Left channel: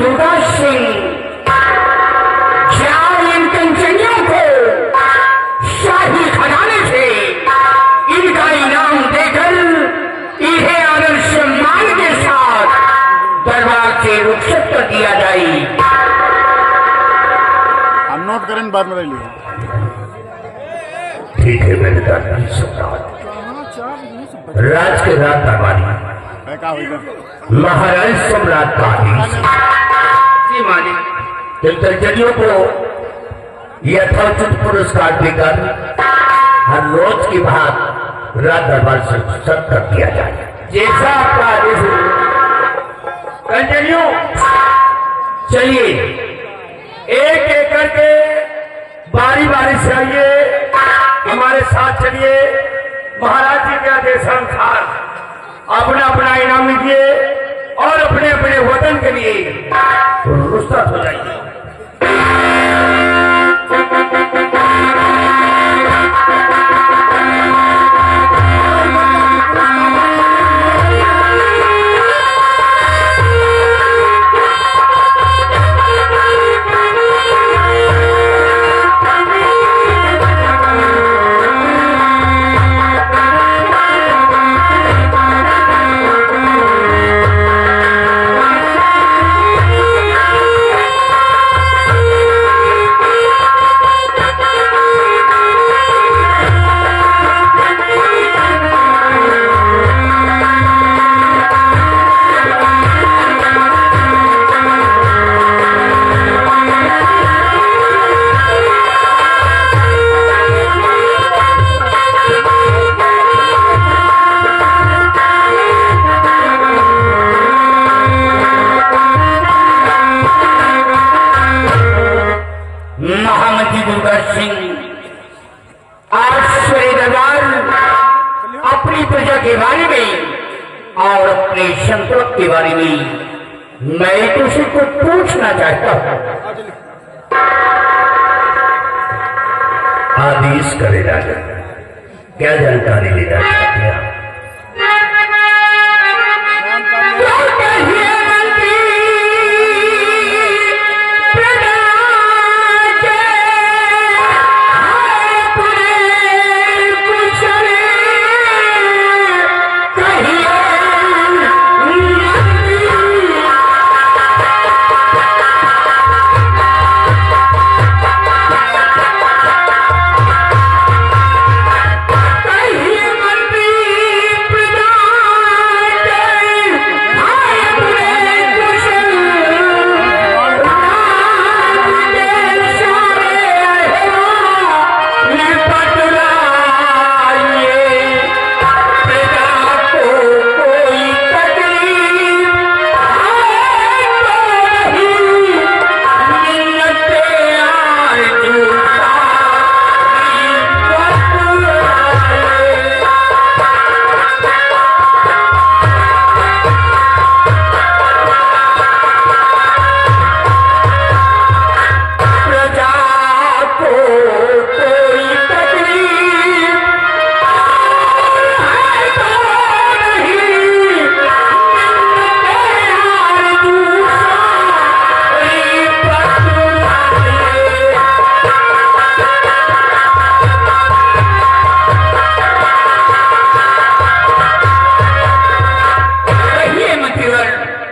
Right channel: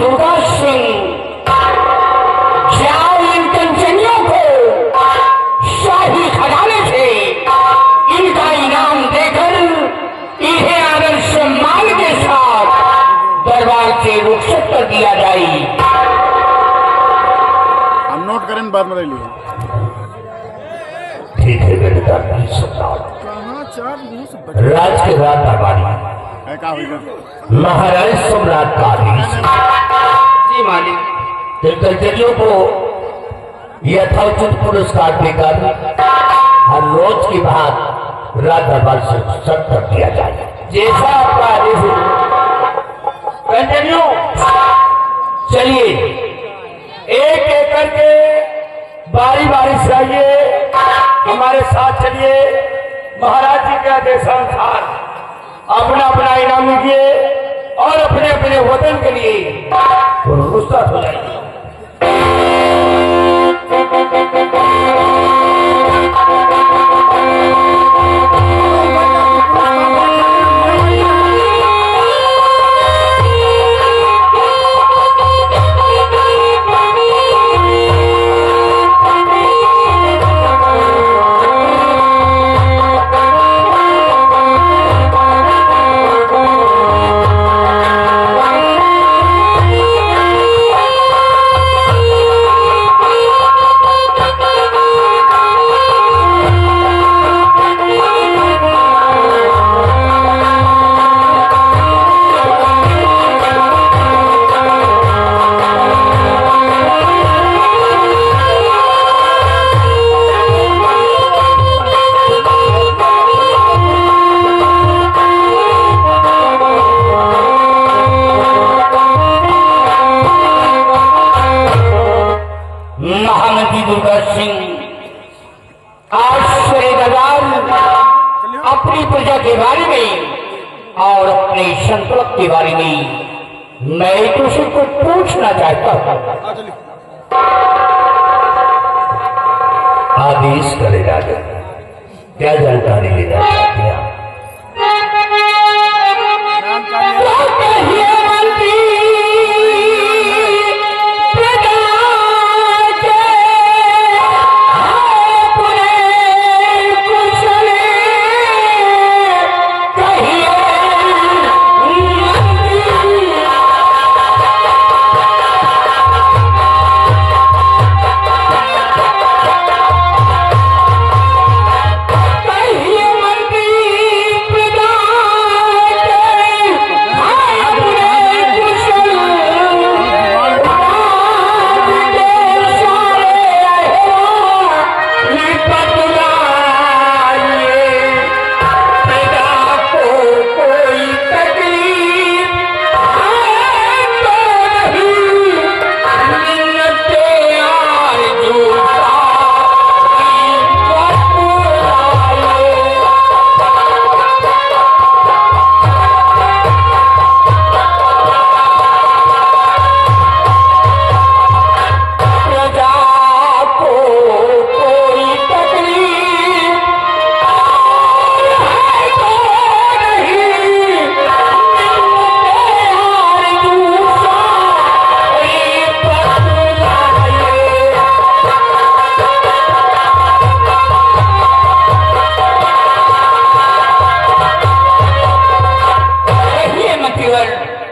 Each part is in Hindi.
दुर्गा सिंह चार इन कंचनियों को शाही खजाने से इनका इनाम देकर इन्हें आदर सम्मान के साथ दरबार से रुखसत कर दिया जाए। हम नोट करें बाद में ले लियो। ठीक है मेरे दादा सरकार। राज के रात दरबारी महाराज सम्राट का आदेश। जी मालिक। कंचनियों को यथोचित पुरस्कार देकर हर रोज की बात रात दरबार से सब कर दिया जाए। जैसा आपका आदेश हो। कंचनियों चलिए एक एक करके बारी बारी से आइए, हमारे साथ चलिए। महाराज जी के आदेशानुसार अपना अपना इनाम लीजिए और अपने अपने वतन के लिए रुखसत हो जाइए। महामती दुर्गा सिंह आज श्री दरबार अपनी प्रजा के बारे में और अपने संकल्प के बारे में मैं तुझसे को पूछना चाहता हूं। आदेश करे राजा, क्या जानकारी लेना चाहते हैं?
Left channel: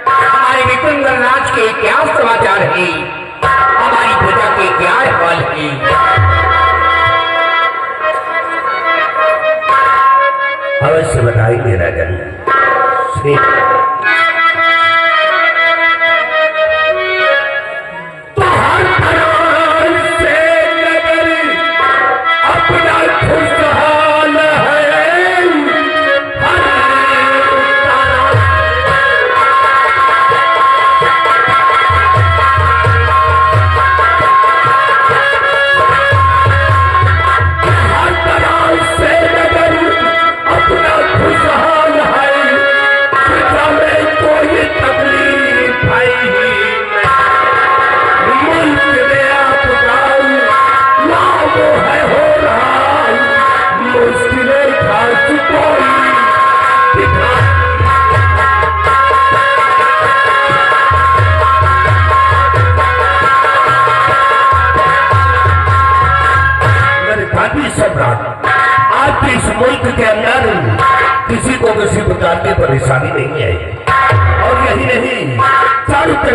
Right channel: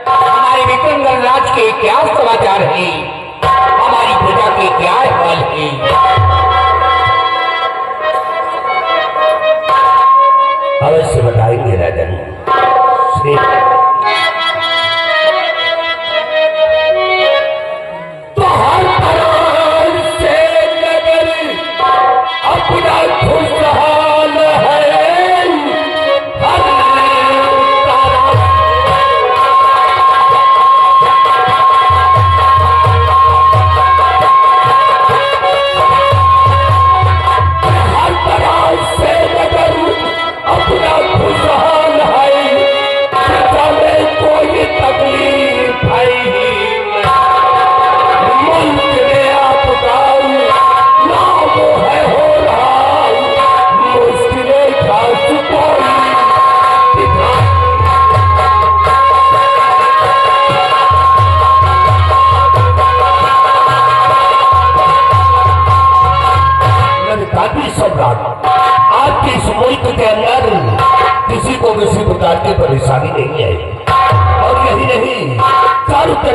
हमारे विक्रमगढ़ राज के क्या समाचार है, हमारी प्रजा के क्या अहवाल है? अवश्य बताएंगे राजन। अपना खुशहाल है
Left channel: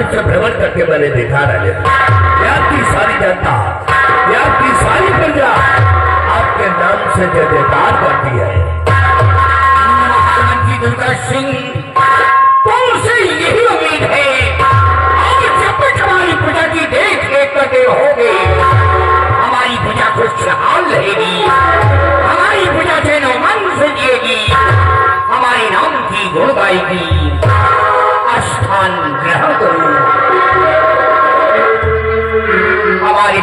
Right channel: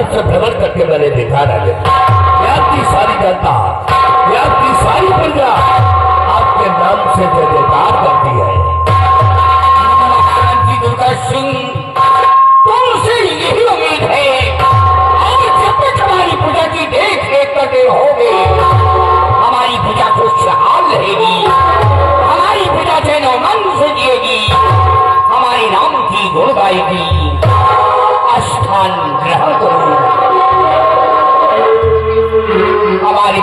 रूप से भ्रमण करके मैंने देखा राजा, यहाँ की सारी जनता, यहाँ की सारी प्रजा आपके नाम से जय जयकार करती है। मुख्यमंत्री दुर्गा सिंह, तुमसे यही उम्मीद है, अब जब तक हमारी प्रजा की देख रेख करते रहोगे, हमारी प्रजा खुशहाल रहेगी, हमारी प्रजा चैन मन से जिएगी, हमारे नाम की गुण गाएगी। स्थान ग्रहण करो। हमारे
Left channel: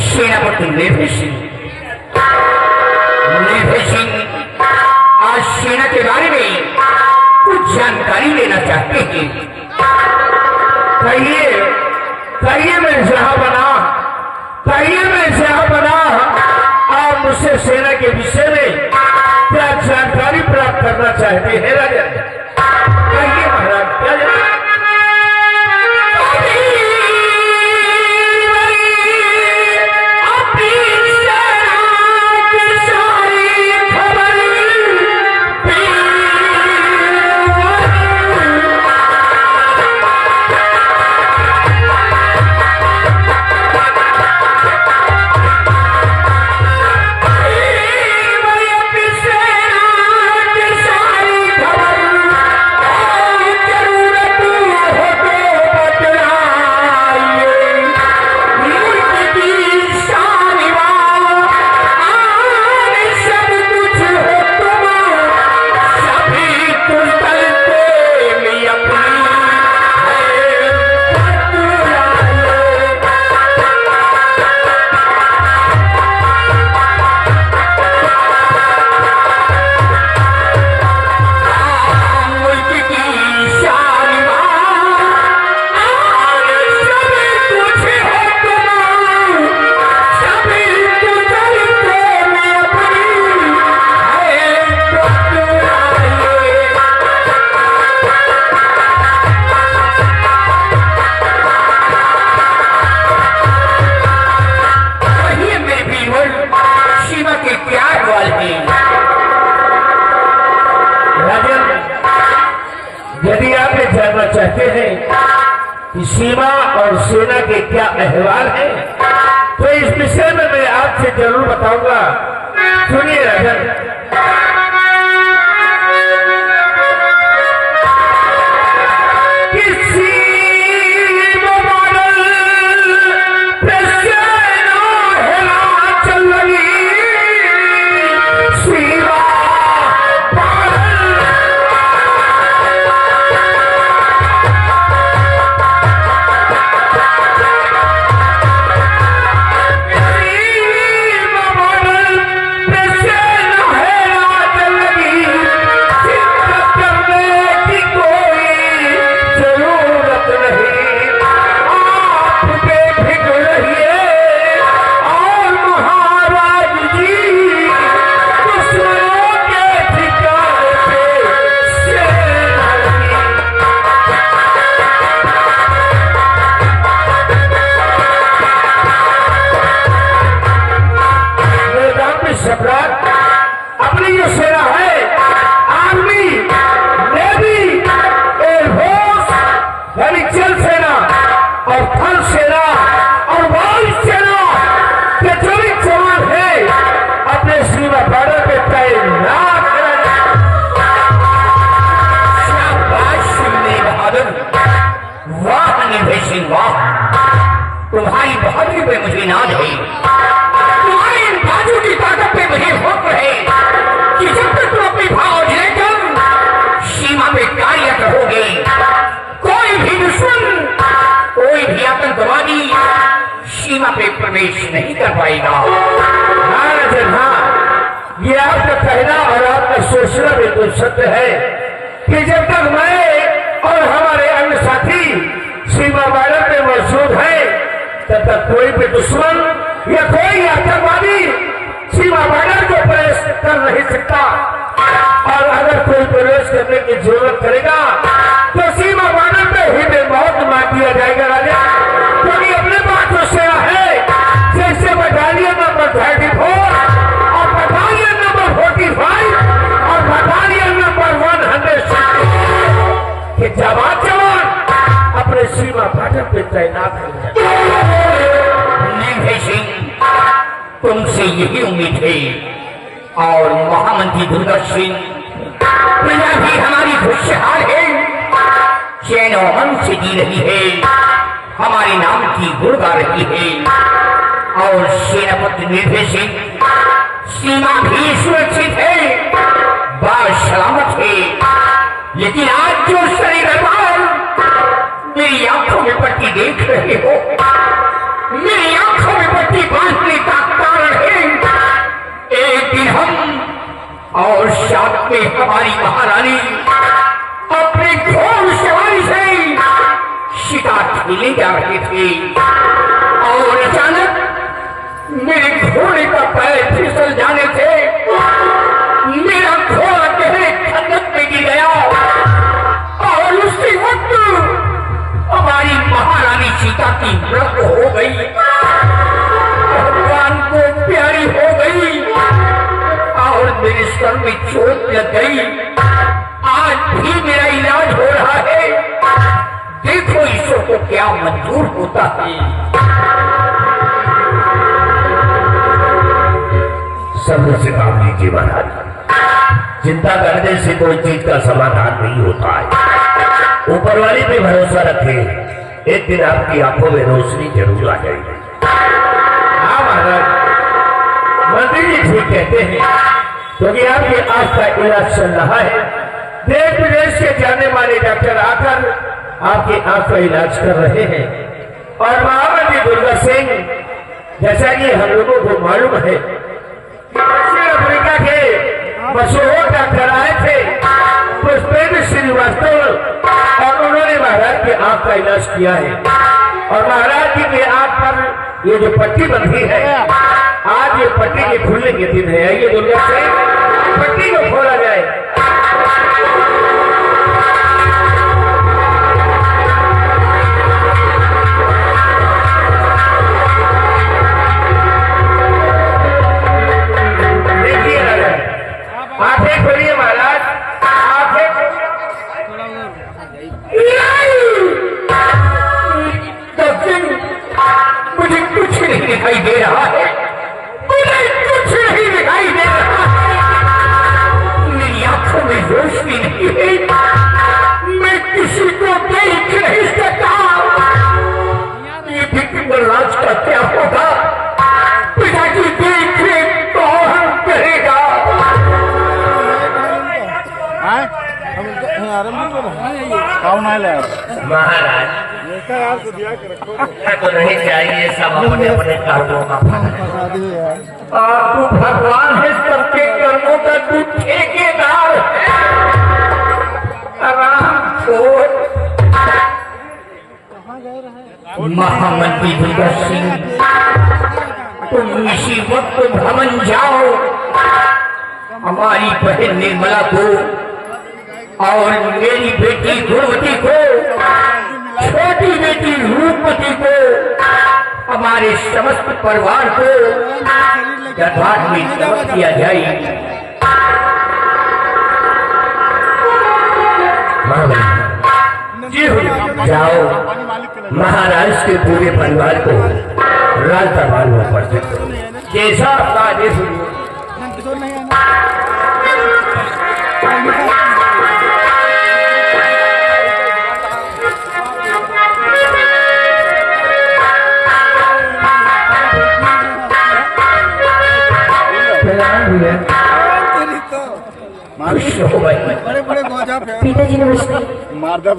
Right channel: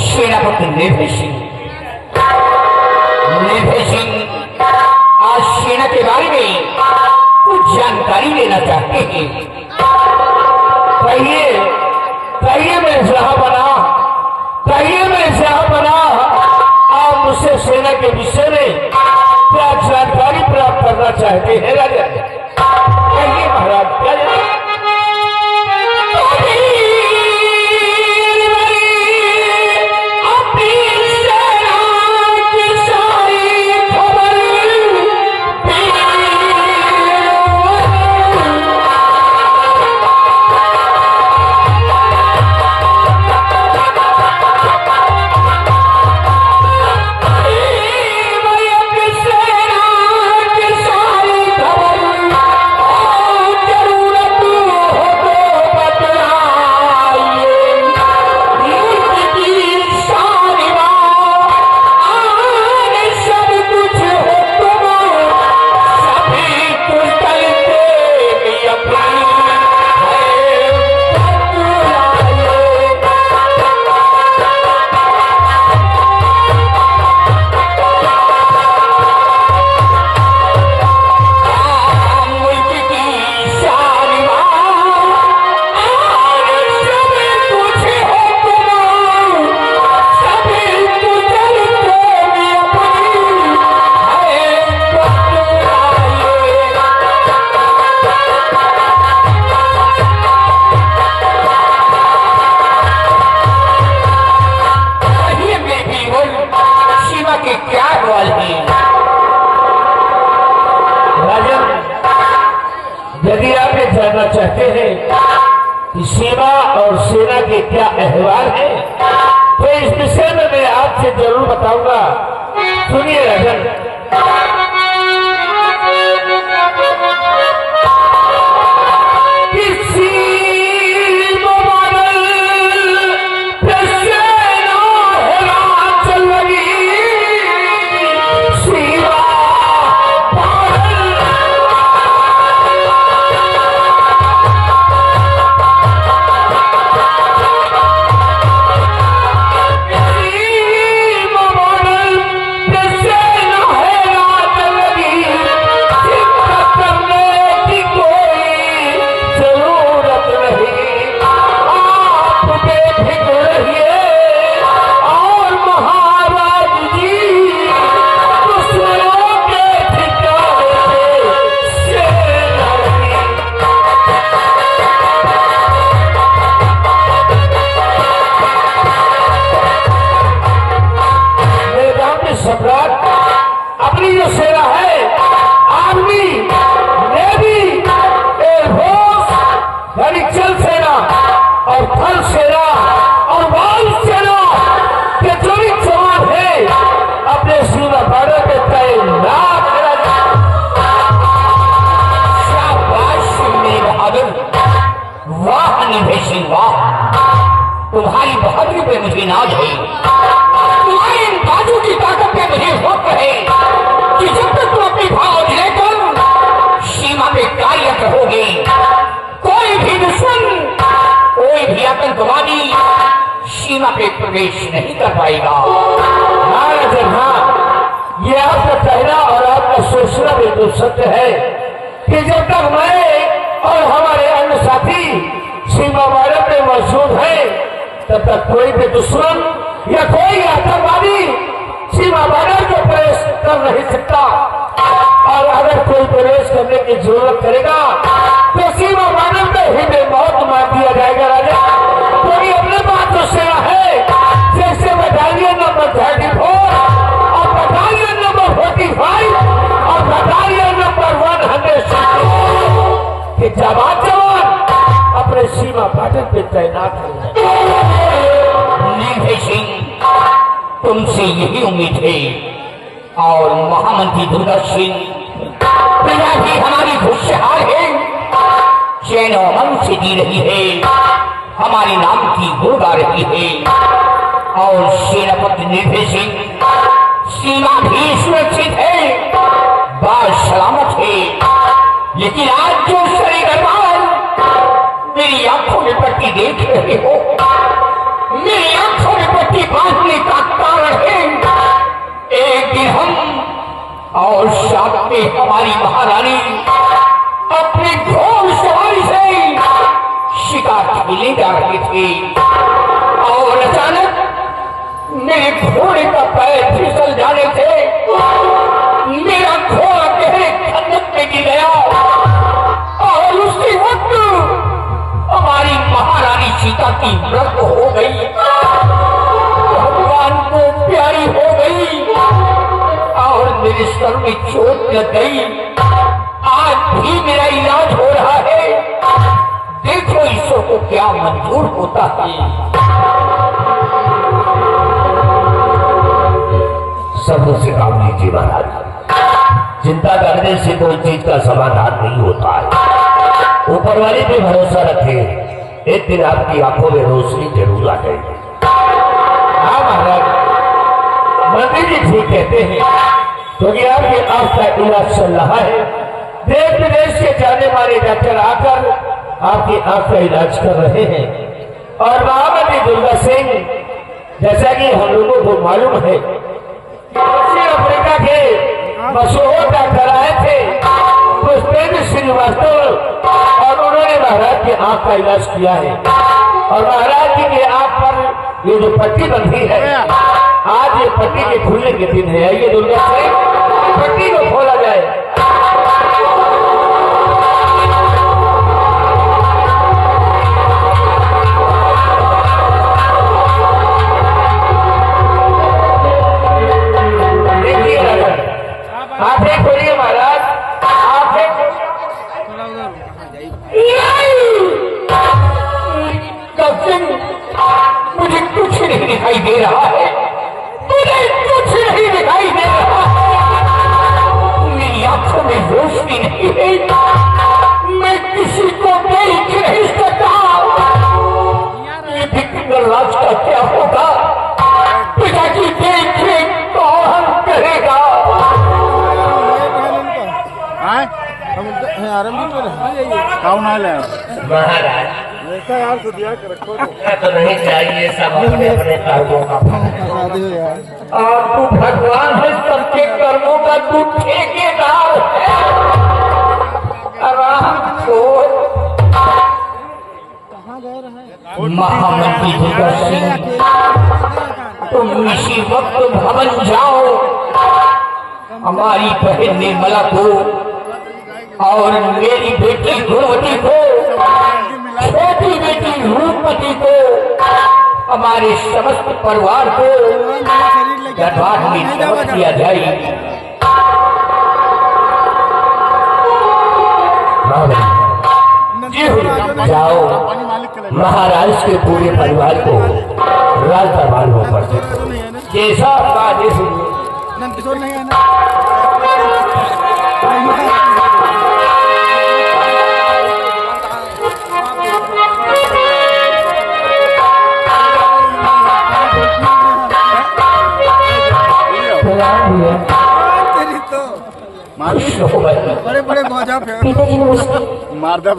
सेनापति निर्भय सिंह आज सेना के बारे में कुछ जानकारी लेना चाहते हैं। कहिए कहिए, मैं शाहबना, कहिए मैं शाहबना, आप मुझसे सेना के विषय में क्या जानकारी प्राप्त करना चाहते हैं राजा? कहिए महाराज, क्या यदि आप ये जानना चाहते हैं कि सीमा और सेना के क्या अहवाल है, तो इस विषय में मैं आपसे जरूर बताऊंगा। सुनिए राजन, अपनी जो सेना है, आर्मी, नेवी, एयरफोर्स यानी जल सेना और थल सेना और वायु सेना के जो भी जवान है, अपने सीमा बॉर्डर पे तैनात करा। शाबाश सिंह बहादुर, वाह निर्भय सिंह वाह, तुम्हारी बहादुरी पे मुझे नाज है, तुम्हारी इन बाजू की ताकत पे मुझे फख्र है कि जब तक तुम अपनी फौज लेकर सीमा पे कार्यरत रहोगे, कोई भी दुश्मन, कोई भी आतंकवादी सीमा पे प्रवेश नहीं कर पाएगा। हाँ राजन, हाँ, ये आपका कहना और आपका सोचना बिल्कुल सत्य है कि जब तक मैं और हमारे अन्य साथी सीमा बॉर्डर पे मौजूद है, तब तक कोई भी दुश्मन या कोई आतंकवादी सीमा बॉर्डर को प्रवेश कर नहीं सकता। और अगर कोई प्रवेश करने की जरूरत करेगा तो सीमा बॉर्डर पे ही बेमौत मार दिया जाएगा राजा। क्योंकि अपने पास जो सेना है, जैसे बटालियन नंबर 34 और बटालियन नंबर 45 और बटालियन नंबर 100 के जवान साथ है। निर्भय सिंह, तुमसे यही उम्मीद है। और महामंत्री दुर्गा सिंह, प्रजा भी हमारी खुशहाल है, चैन और मन से जी रही है, हमारे नाम की गुण गा रही है। और सेनापति निर्भय सिंह, सीमा भी सुरक्षित है, बात सलामत है। लेकिन आज जो शरीर मेरी आंखों में पट्टी देख रहे हो, मेरी आंखों में पट्टी बांधने का कारण है, एक दिन हम और साथ में हमारी महारानी अपने घोड़ सवारी से शिकार खेले जा रहे थे और अचानक मेरे घोड़े का पैर फिसल जाने से मेरा घोड़ा गहरे खंडक में गिर गया और उसी वक्त हमारी महारानी सीता की मृत्यु हो गई, भगवान को प्यारी हो गई और मेरे सर में चोट लग गई। आज भी मेरा इलाज हो रहा है, देखो ईश्वर को क्या मंजूर होता है। सब्र से काम लीजिए महाराज, चिंता करने से कोई चीज का समाधान नहीं होता है। ऊपर वाले पे भरोसा रखें, एक दिन आपकी आंखों में रोशनी जरूर आ जाएगी। हाँ महाराज, मंत्री जी ठीक कहते हैं, क्योंकि आपकी आज का इलाज चल रहा है। देश विदेश से जाने वाले डॉक्टर आकर आपकी आंख का इलाज कर रहे हैं। और महामंत्री दुर्गा सिंह, जैसा कि हम लोगों को मालूम है, दक्षिण अफ्रीका के मशहूर डॉक्टर आए थे पुष्पेंद्र श्रीवास्तव, और उन्होंने महाराज की आंख का इलाज किया है। और महाराज जी की आंख पर ये जो पट्टी बंधी है, आज ये पट्टी के खुलने के दिन है। आइए दुर्गा से पट्टी को खोला जाए। आंखें खोलिए महाराज, आंखें। मुझे कुछ नहीं दिखाई दे रहा है, मुझे कुछ नहीं दिखाई दे रहा है, मेरी आंखों में रोशनी नहीं है, मैं किसी को देख नहीं सकता। ये फिक्र राज का क्या होगा? पिताजी देख ले कौन करेगा? कौन आया महाराज, तो नहीं चाहिए, सब अपने अपने कर्मों का फल है। और तू भगवान है, सबके कर्मों का तू ठेकेदार है। आराम छोड़। महामंत्री दुर्गा सिंह, तुम इसी वक्त भवन जाओ, हमारी बहन निर्मला को और मेरी बेटी गुणवती को, छोटी बेटी रूपवती को, हमारे समस्त परिवार को दरबार में समझ किया जाए। जी जाओ, महाराज के पूरे परिवार को राज दरबार में पड़ सकते, जैसा आपका आदेश हो। पिताजी नमस्ते। मारदब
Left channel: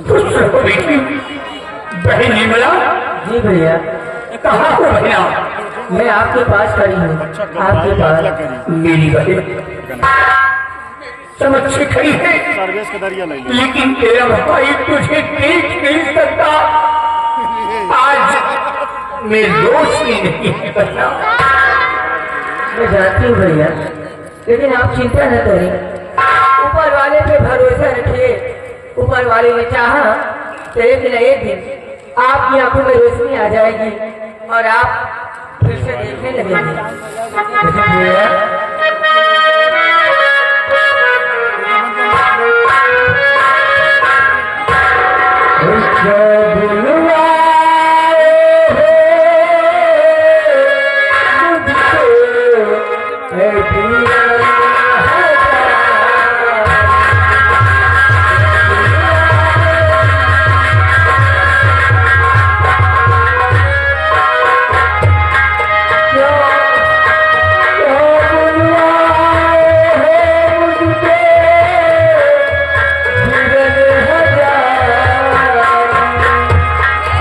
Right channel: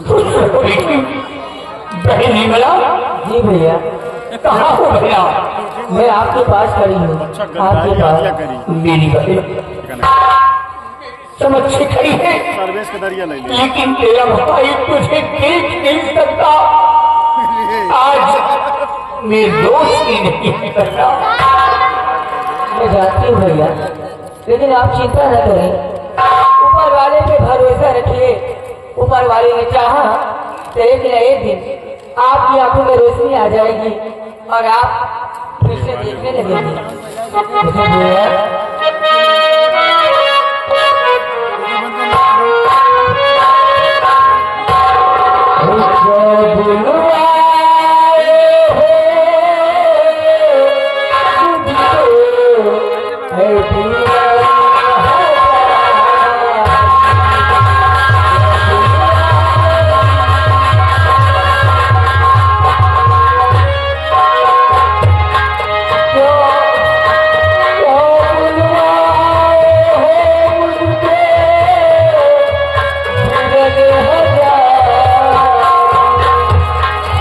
बहन निर्मला, जी भैया, कहाँ हो भैया? मैं आपके पास खड़ी हूँ, आपके पास। मेरी बहन समझ से खड़ी है, सर्वेश का दरिया ले लिया। लेकिन तेरा भाई तुझे देख नहीं सकता। आज मैं रोशनी नहीं है भैया। मैं जानती हूँ भैया, लेकिन आप चिंता न करें, ऊपर वाले पे भरोसा रखिए। ऊपर वाले ने चाहा तो एक न एक दिन आपकी आंखों में रोशनी आ जाएगी और आप फिर से देखने लगेंगे।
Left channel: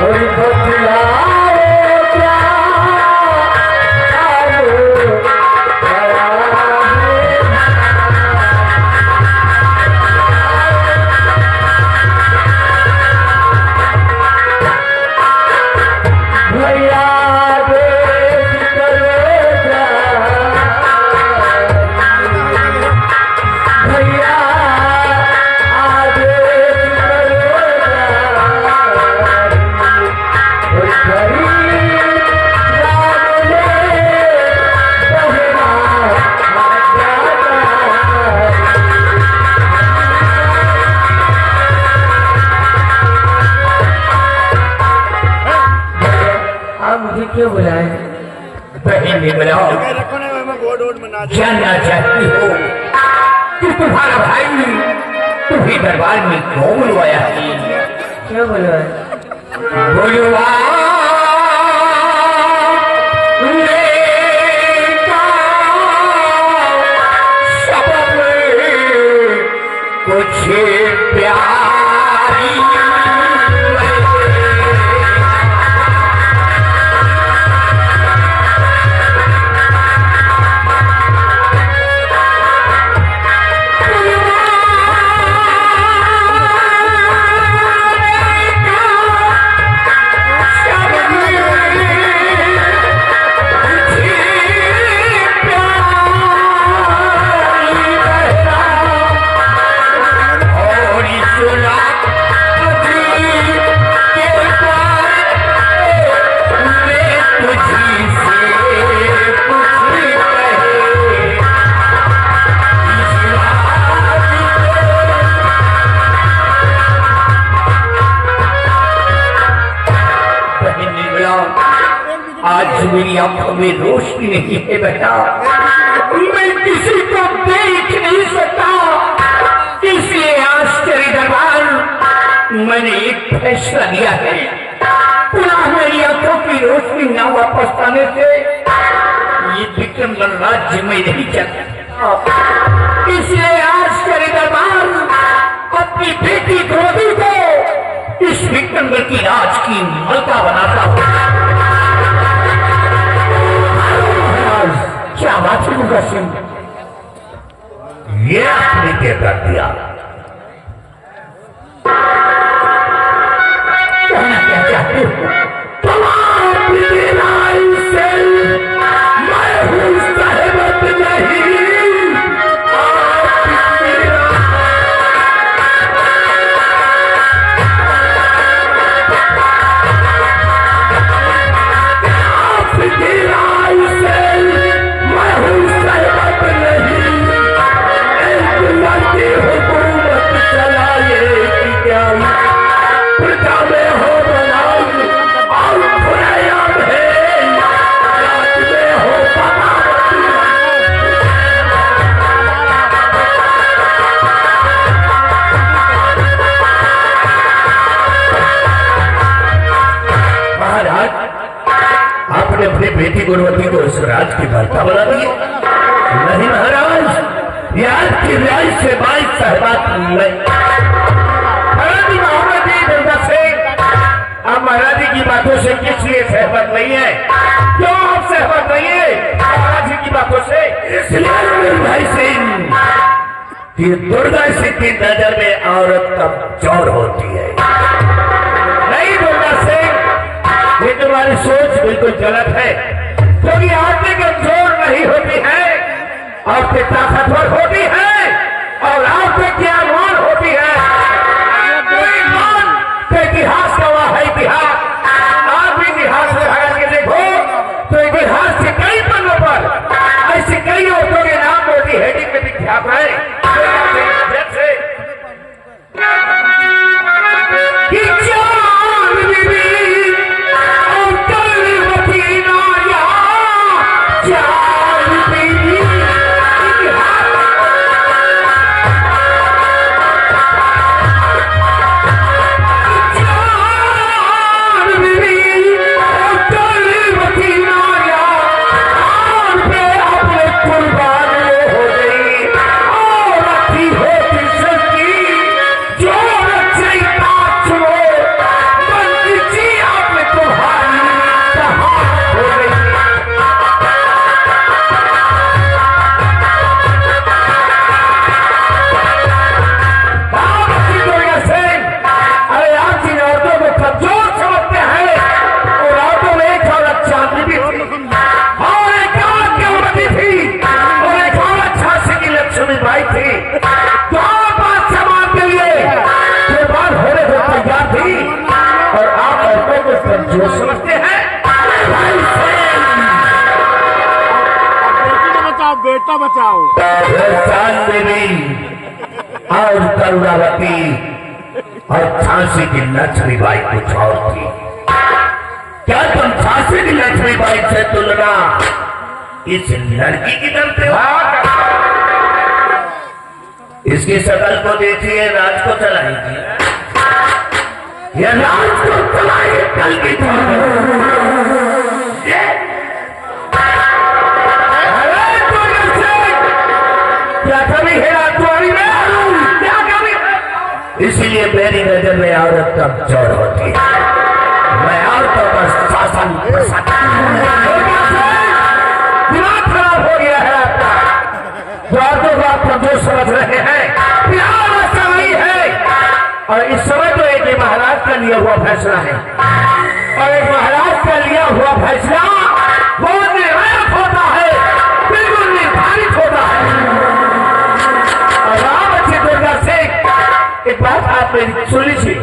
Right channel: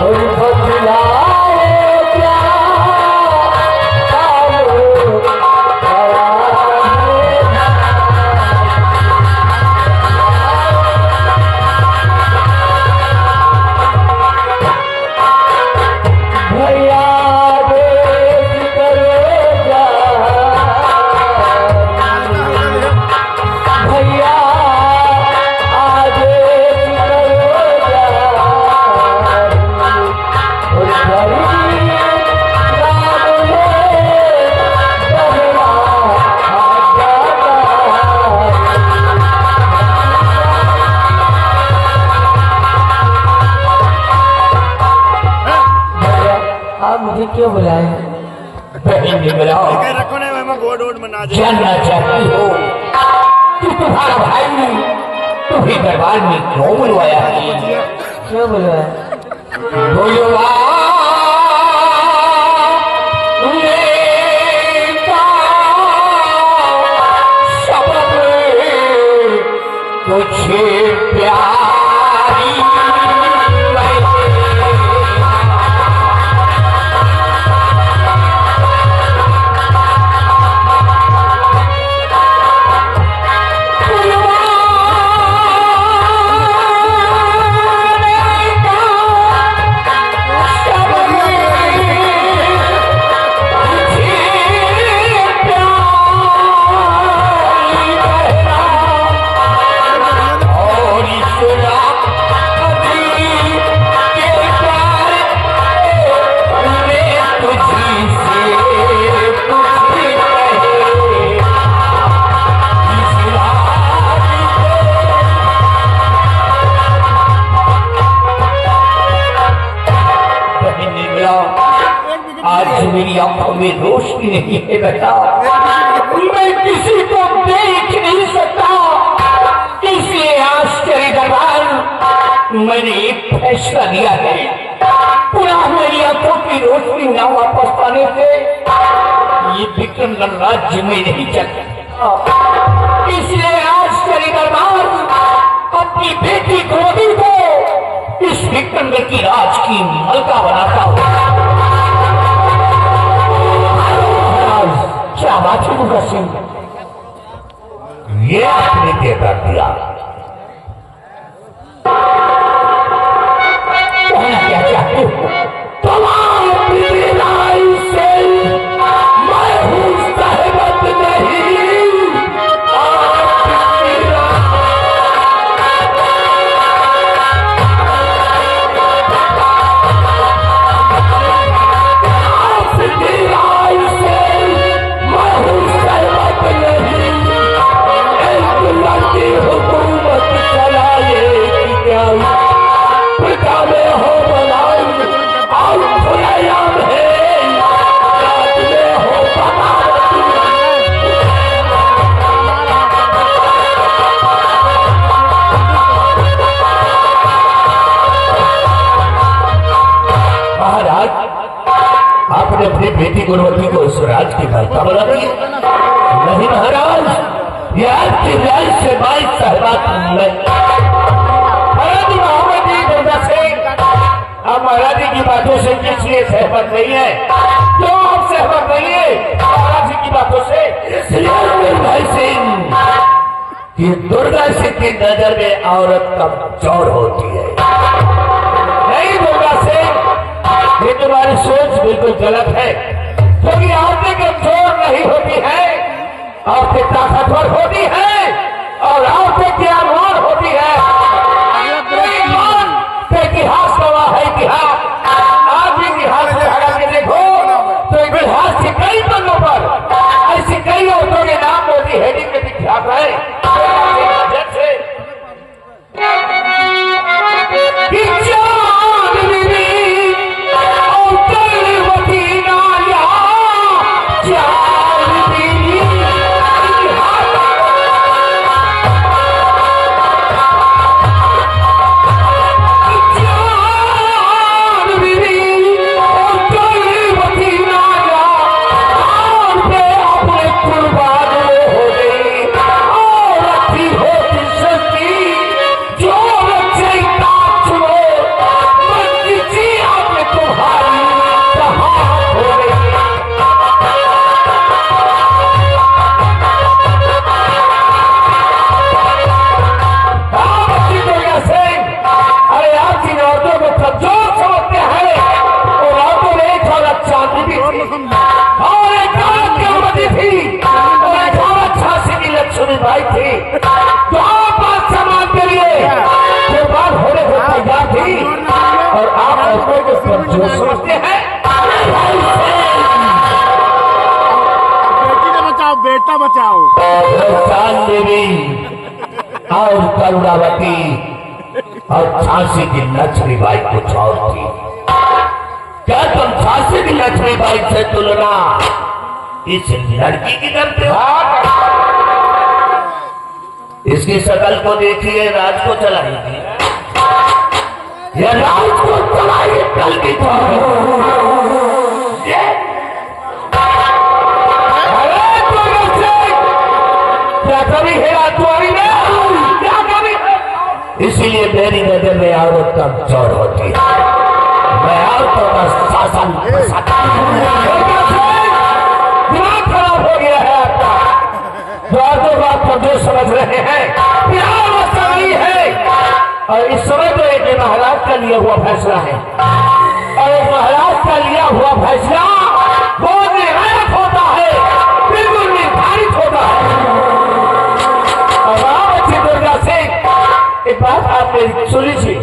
और बदलाए क्या भैया भैया आज आप मुझे क्यों बुलाए? बहन ने बुलाओ, रखने में गोड वोड बना दे। जानना चाहती हो कि तुम्हारा भाई तुम्हें दरबार में क्यों बुलवाया है? क्यों बुलवाए? बुलवा कुछ प्यारी आज मेरी आंखों में रोशनी नहीं है बेटा, मैं किसी को देख नहीं सकता, इसलिए आज तेरे दरबार मैंने एक फैसला लिया है। पुनः मेरी आंखों की रोशनी न वापस पाने से ये विक्रमगढ़ राज्य में नहीं चल सकता, इसलिए आज तेरे दरबार अपनी बेटी द्रौपदी को इस विक्रमगढ़ की राज की मलका बनाता हूँ। क्या बात है मुखा सिंह, ये आपने क्या कर दिया? कहना क्या चाहते हो? मैं हूँ सहमत नहीं, हुकूमत चलाए क्या प्रजा में हो बनाई और खुदायाम है राज में हो बगावत। महाराज, आपने अपनी बेटी गुणवती को इस राज की भरता बना दी? नहीं महाराज, यार की राय से बाइक सहबात नहीं। महाराज जी मोहम्मद जी दुर्गा सिंह, आप महाराज जी की बातों से किस लिए सहमत नहीं है? क्यों आप सहमत नहीं है महाराज जी की बातों से? इसलिए भाई सिंह कि दुर्गा सिंह की नजर में औरत कमजोर होती है। नहीं दुर्गा सिंह, ये तुम्हारी सोच बिल्कुल गलत है, क्योंकि औरतें कमजोर नहीं होती है, औरतें ताकतवर होती है और औरतें ज्ञानवान होती है। इतिहास गवाह है, इतिहास आज भी इतिहास को हटा के देखो तो इतिहास के कई पन्नों पर ऐसी कई औरतों के नाम मोटी हेडिंग में विख्यात है। जैसे और आप औरतों को कमजोर समझते हैं। बेटा बचाओ। चांद देवी और करुणावती और झांसी की लक्ष्मीबाई कुछ और थी। क्या तुम झांसी की लक्ष्मीबाई से तुलना इस लड़की की करते हो? इसकी शक्ल को देखिए, राज को चलाएगी, यह राज को चलाएगी कल की क्या कभी है तुम्हारी में? क्या कभी है? इसीलिए मेरी नजर में औरत कमजोर होती है। मैं औरतों का शासन दिमाग खराब हो गया है आपका। औरतों को आप कमजोर समझ रहे हैं, प्यार ऐसा नहीं है। और इस समय तो एक महाराज का लिया हुआ फैसला है, और एक महाराज का लिया हुआ फैसला बहुत निर्णायक होता है, बिल्कुल निर्धारित होता है। दुर्गा से एक बात आप मेरी सुन लीजिए,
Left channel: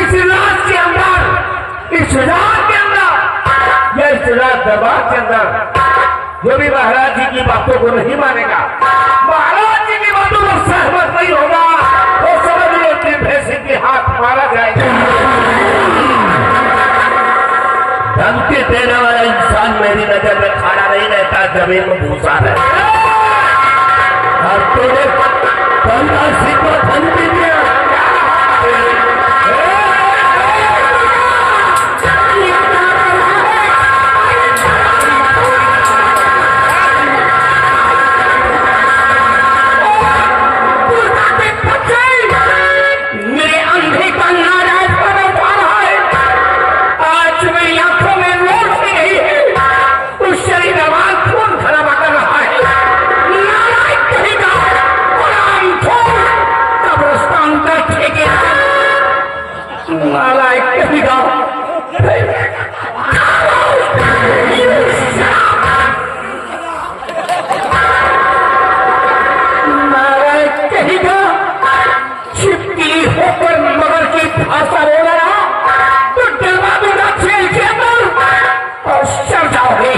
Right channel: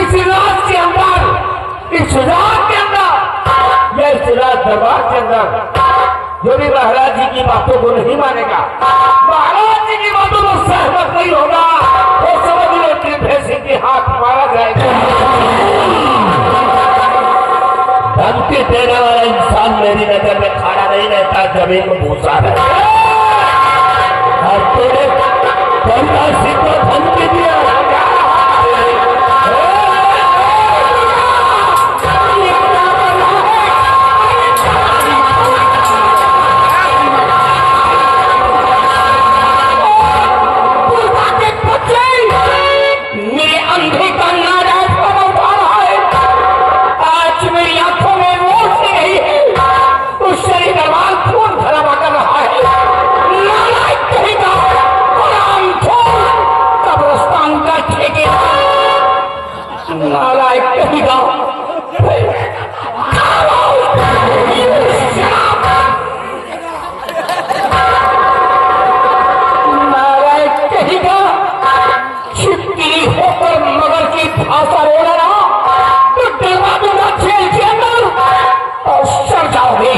इस राज के अंदर, इस राज के अंदर, या इस राज दरबार के अंदर जो भी महाराज जी की बातों को नहीं मानेगा, महाराज जी की बातों को सहमत नहीं होगा, वो समझ लो कि भैंसे के हाथ मारा जाएगा। धमकी देने वाला इंसान मेरी नजर में खड़ा नहीं रहता, जमीन में भूसा है। और तूने धमकी को धमकी दिया, मेरे अंधे का नाराज बना जा रहा है। आज मेरी आंखों में रोशनी नहीं है, उस शरीर दरबार खून खराबा कर रहा है। नारायण कहेगा कब्रस्तान का ठेकेदार, नारायण कहेगा नारायण कहेगा छिपकली होकर मगर की भाषा बोला रहा तो डलवा दूंगा जेल के अंदर और सड़ जाओगे।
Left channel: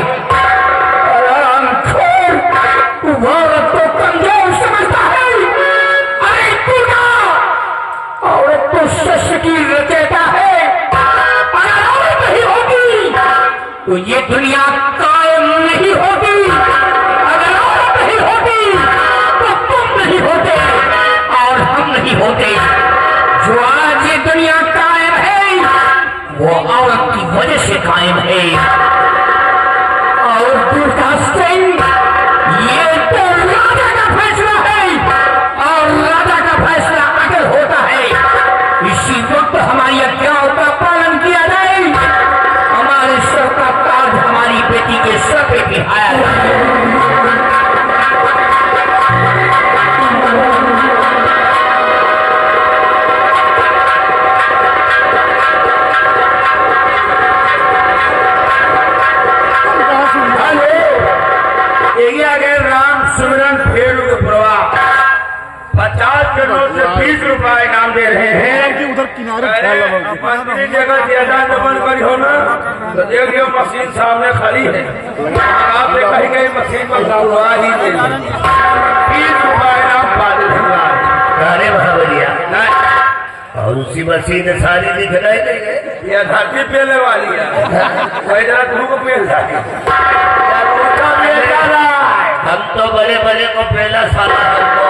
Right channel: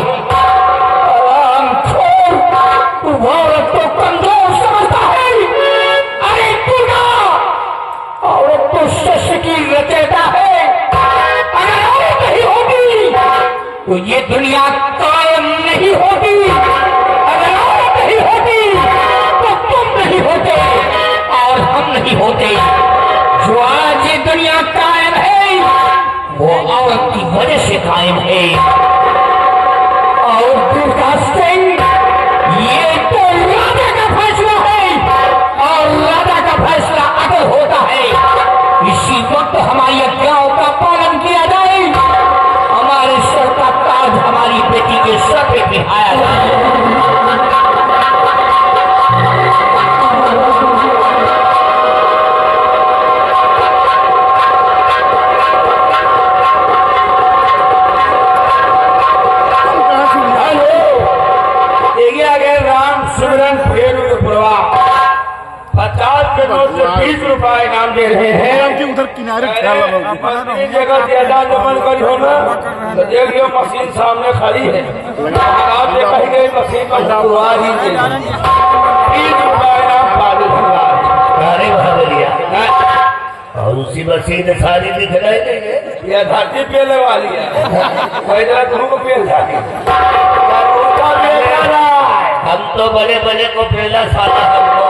औरत तो कमजोर समझता है, अरे दुर्गा औरत तो शस्त्र की रचयिता है। अगर औरत नहीं होती तो ये दुनिया कायम नहीं होती, अगर औरत नहीं होती तो तुम नहीं होते और हम नहीं होते। जो आज ये दुनिया कायम है वो औरत की वजह से कायम है। और दुर्गा सिंह, ये तो राजा का फैसला है और राजा का फैसला अटल होता है। इसी वक्त हमारी आज्ञाओं का पालन किया जाए, हमारे सर का ताज हमारी बेटी के सर पे बिठाया जाए। आगे राम सुमरन फेर प्रवाह 50 के नोट से 20 रुपए इनाम दे रहे हैं। उधर किनारे अपनी जगह ज्यादा जमन करी हो ना तो देख लियो, मशीन सामने खड़ी है, आप देखा ही गई मशीन पर हुआ ही दे 20 रुपए इनाम पा दे गाने भैया। और उसी मशीन सारी दिख रही है, यह धरती पेले वाली है, जरा धूप पेल जाए। हम तो बड़े बड़े को पहला साला हमको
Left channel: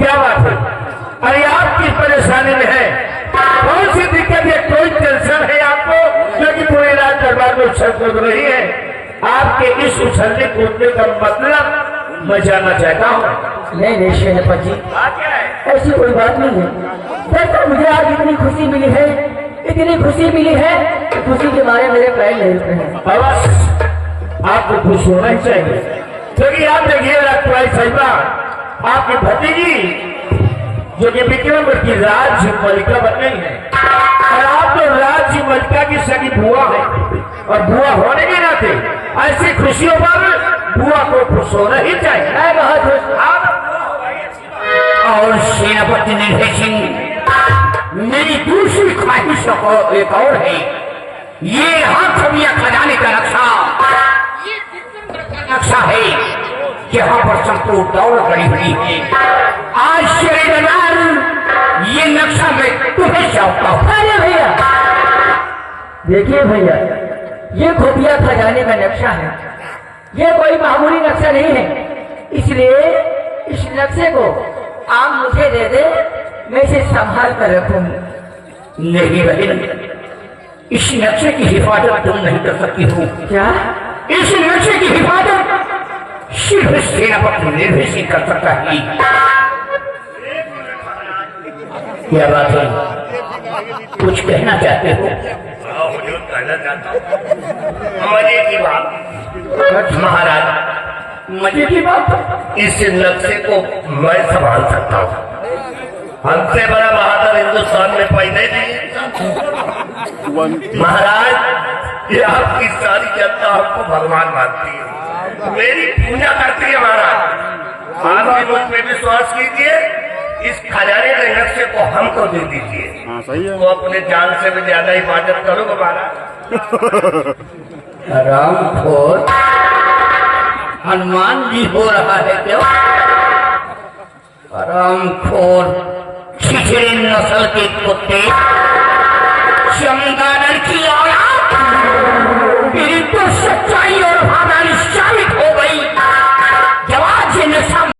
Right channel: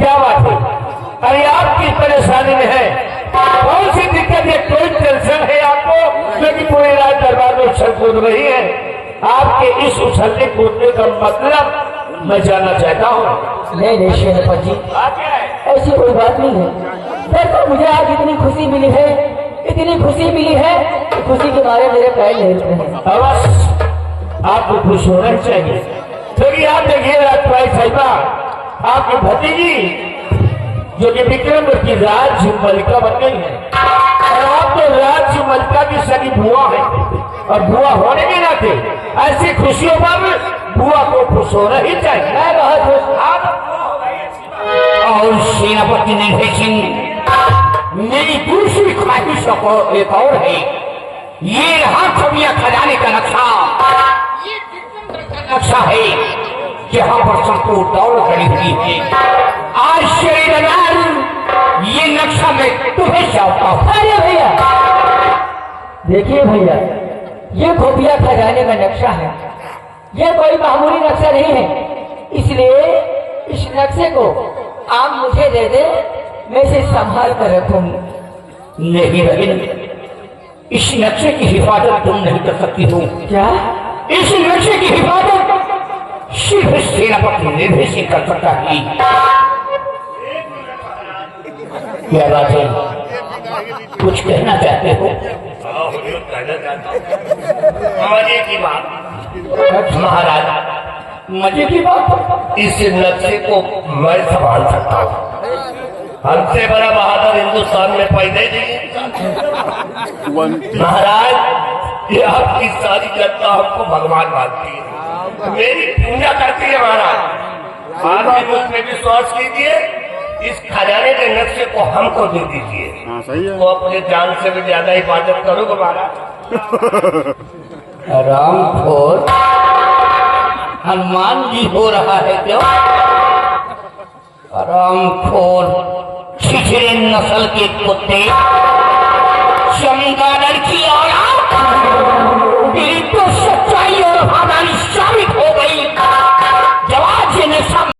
क्या बात है? अरे आप किस परेशानी में है? कौन सी दिक्कत है? कोई टेंशन है आपको? क्योंकि पूरी रात दरबार में उछल कूद रही है। आपके इस उछलने कूदने का मतलब मैं जानना चाहता हूँ। नहीं नहीं सेनापति जी, बात क्या है? ऐसी कोई बात नहीं है। दरअसल मुझे आज इतनी खुशी मिली है, इतनी खुशी मिली है, खुशी के मारे मेरे पैर ले रहे हैं। बस आप आपको खुश होना ही चाहिए, क्योंकि आप देखिए राजकुमारी साहिबा, आपकी भतीजी जो कि विक्रमवती राज्य मलिका बन गई है, और आप तो राज्य मलिका की सगी बुआ है, और बुआ होने के नाते ऐसी खुशियों पर बुआ को खुश होना ही चाहिए। मैं बहुत खुश। और सेनापति निर्भय सिंह, मेरी दूसरी ख्वाहिश एक और है। ये रहा खबिया खजाने का नक्शा, ये नक्शा है जहां पर सबको दौड़ खड़ी हुई है। आश्चर्यजनक ये नक्शा मैं तुम्हें चाहता हूं। अरे भैया देखिए भैया, ये खुफिया खजाने का नक्शा है, ये कोई मामूली नक्शा नहीं है, इसलिए इस नक्शे को आप मुझे दे दे, मैं इसे संभाल कर रखूंगी। नहीं बहन, इस नक्शे की हिफाजत तुम नहीं कर सकती हो। क्या? इस नक्शे की हिफाजत सिर्फ सेनापति निर्भय सिंह कर सकता है। क्या बात है, कुछ कहना चाहते हो? मजे की बात महाराज, मजे की बात। इस नक्शे को मैं संभाल सकता हूँ। हमसे बड़ा बहादुर हिंदुस्तान में पैदा नहीं। महाराज, ये आपकी सारी जनता हमको भगवान मानती है, मेरी पूजा करती है। महाराज, आप मुझ में विश्वास कीजिए, इस खजाने के नक्शे को हमको दे दीजिए। हाँ सही है। तो अपने जान से भी ज्यादा हिफाजत करूंगा महाराज। रामखोर हनुमान जी हो रहा है क्या? रामखोर छिछड़े नस्ल के कुत्ते,